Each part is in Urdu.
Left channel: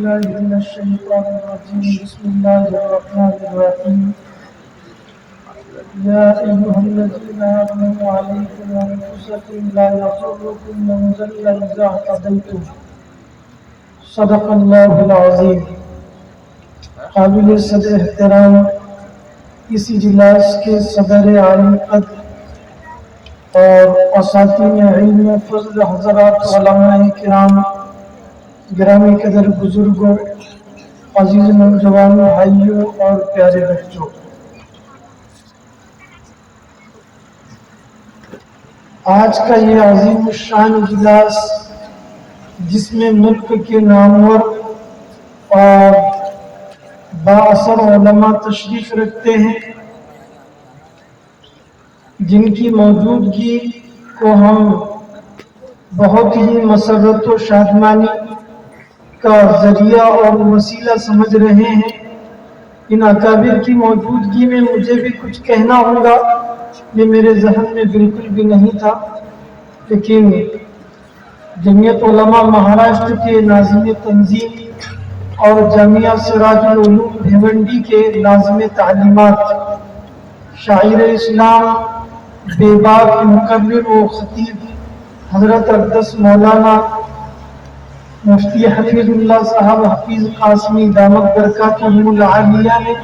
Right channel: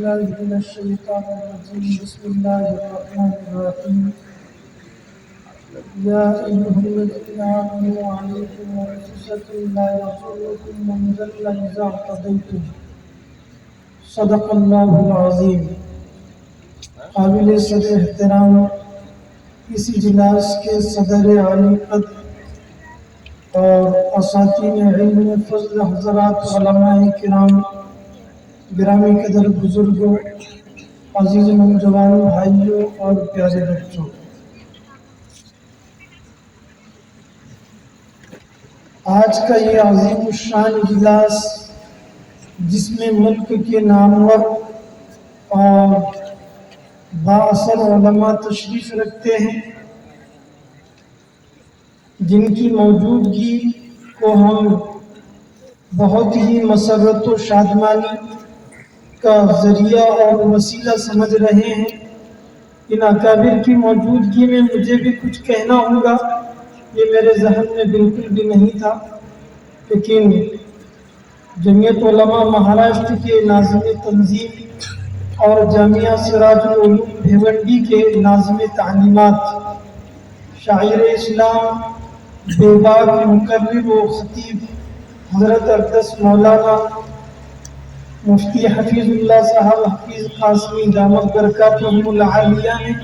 بالله من الشيطان الرجيم بسم الله الرحمن الرحيم يا أيها الذين آمنوا عليكم أنفسكم لا يضركم من ضل إذا اهتديتم صدق الله العظيم. قابل صدر احترام اس اجلاس کے صدر عالی قدر اور اساتذین علم و فضل حضرات علماء کرام، گرامی قدر بزرگوں، عزیز نوجوان بھائیوں اور پیارے بچوں، آج کا یہ عظیم الشان اجلاس جس میں ملک کے نامور اور بااثر علماء تشریف رکھتے ہیں، جن کی موجودگی کو ہم بہت ہی مسرت و شادمانی کا ذریعہ اور وسیلہ سمجھ رہے ہیں، ان اکابر کی موجودگی میں مجھے بھی کچھ کہنا ہوگا، یہ میرے ذہن میں بالکل بھی نہیں تھا، لیکن جمعیت علماء مہاراشٹر کے ناظم تنظیم اور جامعہ سراج العلوم بھیونڈی کے ناظم تعلیمات، شاعر اسلام، بے باک مقرر و خطیب حضرت اقدس مولانا مفتی حفیظ اللہ صاحب حفیظ قاسمی دامت برکاتہم العالیہ نے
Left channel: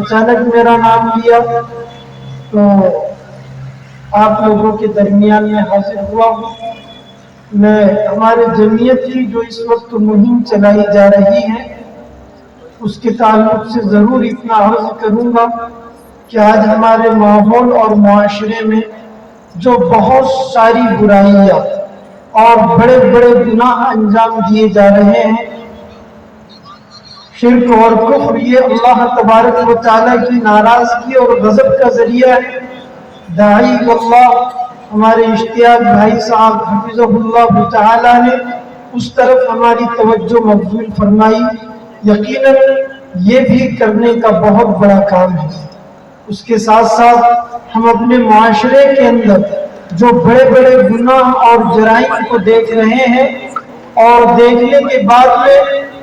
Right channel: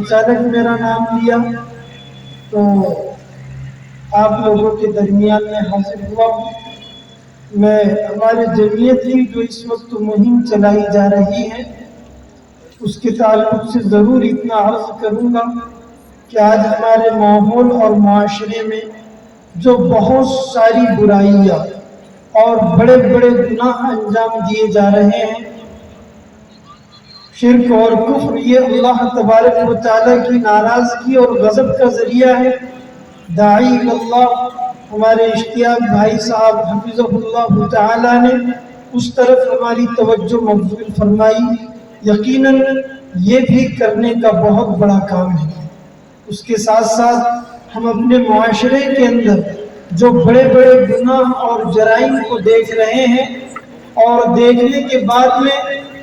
اچانک میرا نام لیا تو آپ لوگوں کے درمیان میں حاضر ہوا ہوں۔ میں ہمارے جمعیت کی جو اس وقت مہم چلائی جا رہی ہے اس کے تعلق سے ضرور اتنا عرض کروں گا کہ آج ہمارے ماحول اور معاشرے میں جو بہت ساری برائیاں اور بڑے بڑے گناہ انجام دیے جا رہے ہیں، شرک اور کفر، یہ اللہ تبارک و تعالیٰ کی ناراضگی اور غضب کا ذریعہ ہے۔ داعی اللہ ہمارے اشتیاق بھائی صاحب حفظہ اللہ تعالیٰ نے اس طرف ہماری توجہ مبذول فرمائی، یقیناً یہ بھی کرنے کا بہت بڑا کام ہے۔ اس کے ساتھ ساتھ ہم اپنے معاشرے کے اندر جو بڑے بڑے گناہ اور جرائم کو دیکھ رہے ہیں اور دیکھنے کے بعد میں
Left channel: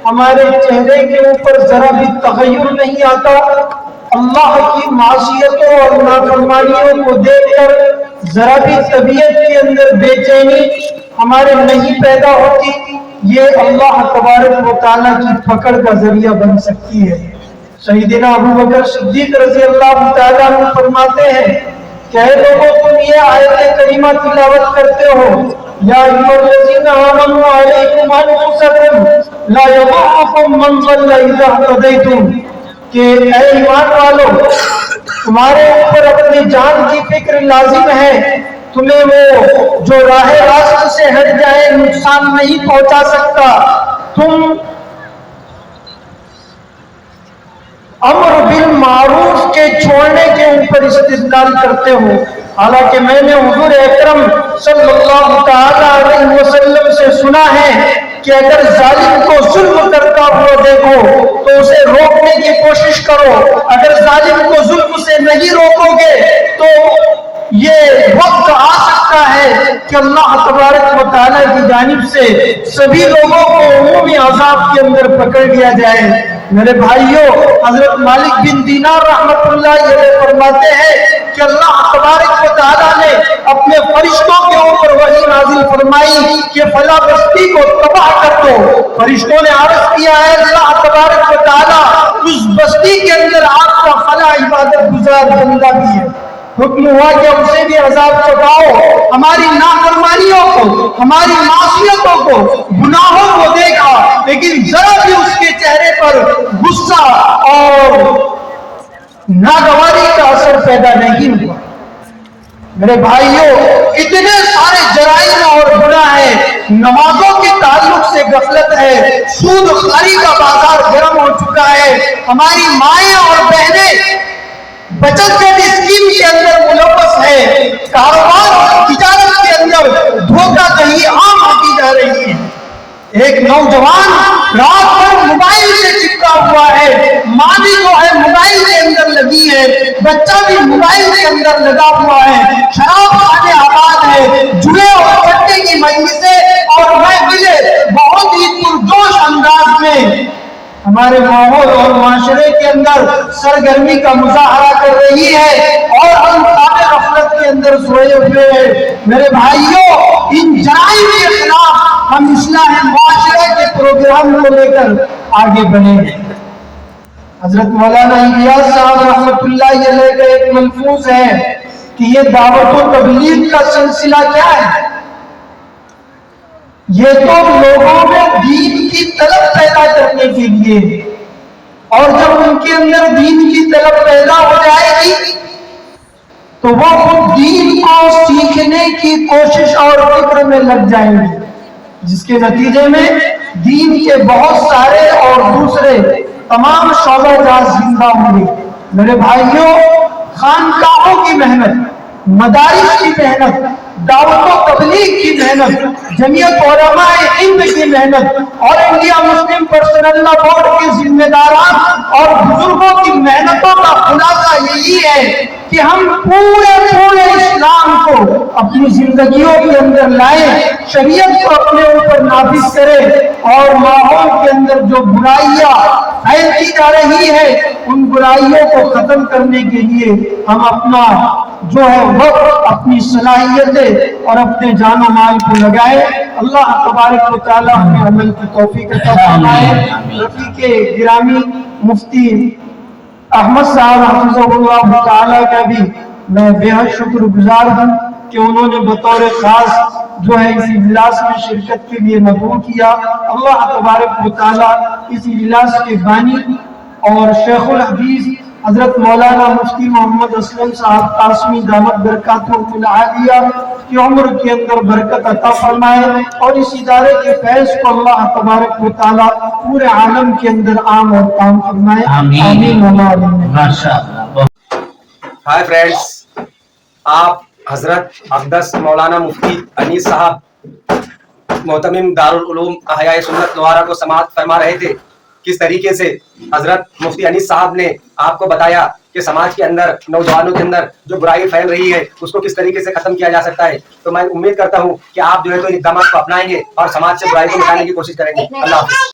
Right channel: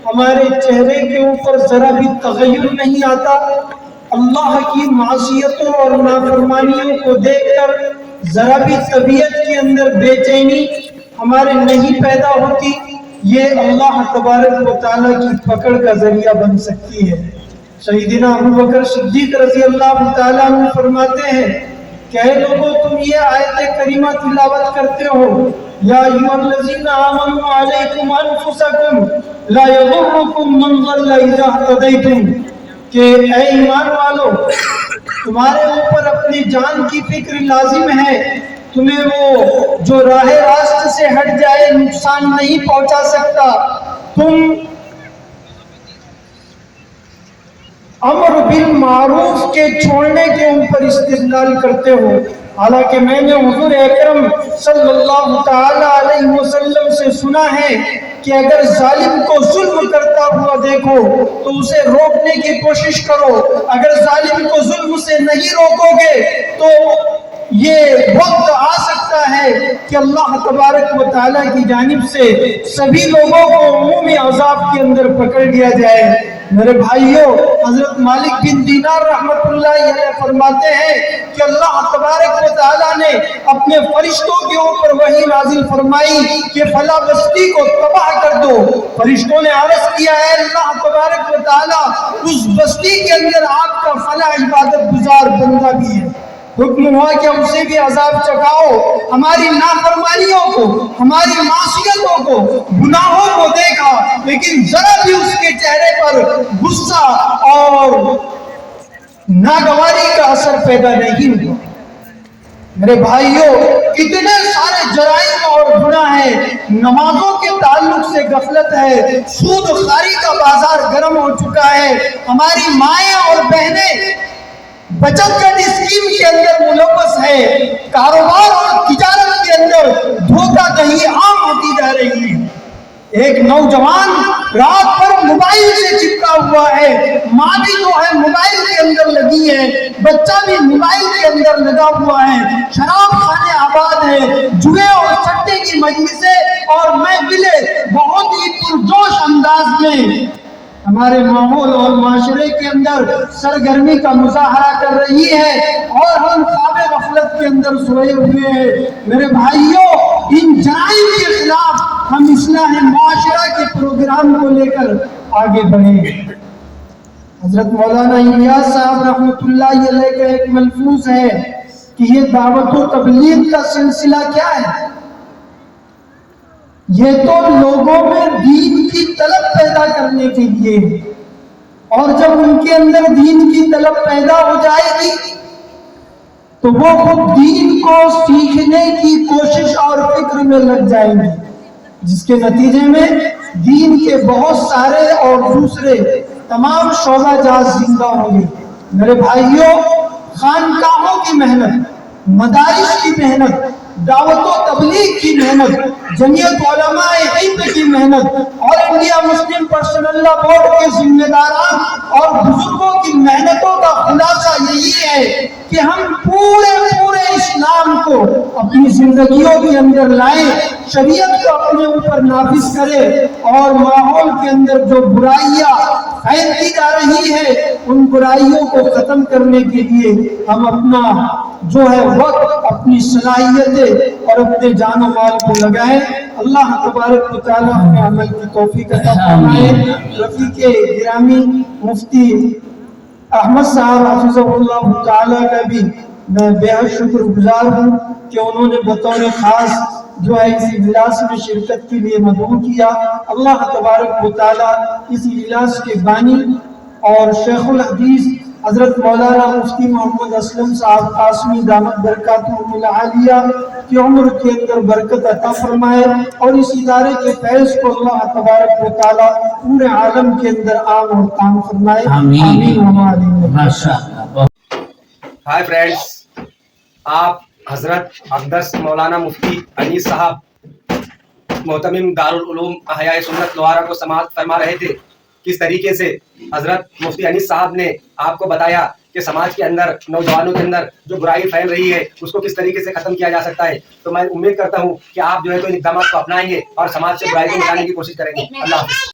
ہمارے چہرے کے اوپر ذرا بھی تغیر نہیں آتا، اللہ کی معصیتوں اور نافرمانیوں کو دیکھ کر ذرا بھی طبیعت کے اندر بے چینی ہمارے نہیں پیدا ہوتی، یہ اللہ تبارک و تعالیٰ کی پکڑ کا ذریعہ بن سکتی ہے۔ سیدنا ابوبکر صدیق رضی اللہ تعالیٰ عنہ فرماتے ہیں کہ اے لوگوں، تم یہ آیت کریمہ تلاوت کرتے ہو، یا ایھا الذین آمنوا علیکم انفسکم لا یضرکم من ضل اذا اہتدیتم، کہ اے ایمان والو، تمہارے اوپر اپنی جان کی فکر لازم ہے، تمہیں وہ جو راہ راست سے ہٹ جائے نقصان نہیں پہنچا سکتا۔ تم امر بالمعروف کے چھوڑنے کے اوپر استدلال کرتے ہو، حالانکہ میں نے حضور اکرم صلی اللہ تعالی علیہ وسلم سے سنا ہے کہ اگر ظالم کو ظلم کرتا ہوا دیکھو تو اسے روکنے کی کوشش کرو، اگر ظالم کو ظلم سے نہیں روکو گے تو یہ وقت آ سکتا ہے کہ اللہ تبارک و تعالیٰ کی جانب سے سبھی لوگوں کو عمومی عذاب کے اندر پکڑ لیا جائے۔ میرے بھائیوں، حضرت مالک بن دینار رحمت اللہ علیہ فرماتے ہیں کہ اللہ تبارک و تعالیٰ نے اپنے فرشتوں کے اوپر وحی نازل فرمائی کہ فلاں بستی کو تباہ کر دو۔ فرشتوں نے عرض کیا ہے اللہ تبارک و تعالیٰ اس بستی کے اندر آپ کا فلاں عبادت گزار بندہ بھی ہے، حکم ہوا کہ اسے بھی عذاب چکاؤ۔ ہماری نافرمانیوں کو، ہماری معصیتوں کو، گناہوں کو دیکھا، لیکن ذرا بھی اس کے چہرے پر غصہ اور ناگواری کا اثر پیدا نہیں ہوا۔ میرے بھائیوں، اتنے سارے جرائم اور گناہ ہیں، نمازوں کے تعلق سے غفلت ہے، سود خواری کا بازار گرم ہو چکا ہے، ہماری مائیں اور بہنیں بچت کا اسکیم کے اندر ملوث ہے، کاروبار اور تجارت کے اندر دھوکہ دہی عام ہوتی جا رہی ہے۔ ایک نوجوان رات بھر موبائل سے چپکا ہوا ہے، ماں بھی جو ہے موبائل کے اندر لگی ہے، بچہ بھی موبائل کے اندر لگا ہوا ہے، شراب خانے آباد ہے، جوئے اور چٹے کی مجلسیں اور محفلیں بہت ہی پرجوش انداز میں ہمارے ماحول اور معاشرے کے اندر سرگرمی کا مظاہرہ کر رہی ہے اور ہم خواب غفلت کے اندر سوئے ہوئے ہیں۔ میرے بھائیوں، ان جرائم کے خلاف ہم اصلاح معاشرہ کے پروگرام کو لے کر آگے بڑھیں گے۔ حضرت مولانا الیاس صاحب رحمۃ اللہ علیہ کا ایک ملفوظ ہے کہ یہ دعوت و تبلیغ کا سلسلہ کیا ہے؟ یہ تو لوگوں میں دین کی طلب پیدا کرنے کے لیے ہے، اور جب ان کے اندر دین کی طلب پیدا ہو جائے گی تو وہ خود دین کو سیکھنے کی کوشش اور فکر میں لگ جائیں گے، جس کے نتیجے میں دین کے بہت سارے اور دوسرے تمام شعبہ جات زندہ ہوں گے۔ میرے بھائیوں، خانقاہوں کی محنت، مدارس کی محنت، دعوت و تبلیغ کی محنت، جمعیت علماء ہند کی محنت اور انڈیا مسلم پرسنل لا بورڈ کے ذمہ داران اور بزرگوں کی محنتوں کا خلاصہ یہی ہے کہ ہم پورے اسلام کو اپنی زندگیوں کے اندر لائیں، شریعت کو اپنے اوپر نافذ کریں، اور ماحول کے اندر جو برائیاں پھیلتی جا رہی ہے ان برائیوں کو ختم کرنے کے لیے ہم اپنا جو ہے وقت، اپنی صلاحیتیں اور اپنے جان و مال کو لگائیں۔ اللہ تبارک و تعالی ہمیں عمل کی توفیق عطا فرمائے۔ رفیق گرامی مفتی احمد صاحب حفظہ اللہ تعالی کا بھی میں بے حد شکر گزار ہوں کہ انہوں نے بطور خاص جو ہے اس اجلاس میں شرکت کے لیے مدعو کیا۔ اللہ تبارک و تعالی اس اجلاس کے بانی اور شیخ الحدیث حضرت مولانا مفتی محمد اسلم صاحب قاسمی دامت برکاتہم العالیہ کی عمر کے اندر برکت عطا فرمائے، اور اس ادارے کے فیض کو اللہ تبارک و تعالی پورے عالم کے اندر عام اور تام فرمائے۔ آمین آمین۔ ہائی فرینڈز، آپ حضرت اقدس مولانا مفتی انیس صاحب محتمم دارالعلوم احیاء سنت لوہارا کو سماعت فرما رہے تھے۔ کس طریقے سے حضرت مفتی انیس صاحب نے آپ کو بتایا کہ سماج کے اندر، نوجوانوں کے اندر جو برائی پھیل رہی ہے اس کو کس طریقے سے ختم کیا جا سکتا ہے۔ تو میں امید کرتا ہوں کہ آپ جو ہے تو ان اقدامات کو اپنائیں گے اور سماج سے برائی کو مٹانے کی کوشش کریں گے۔ اللہ حافظ۔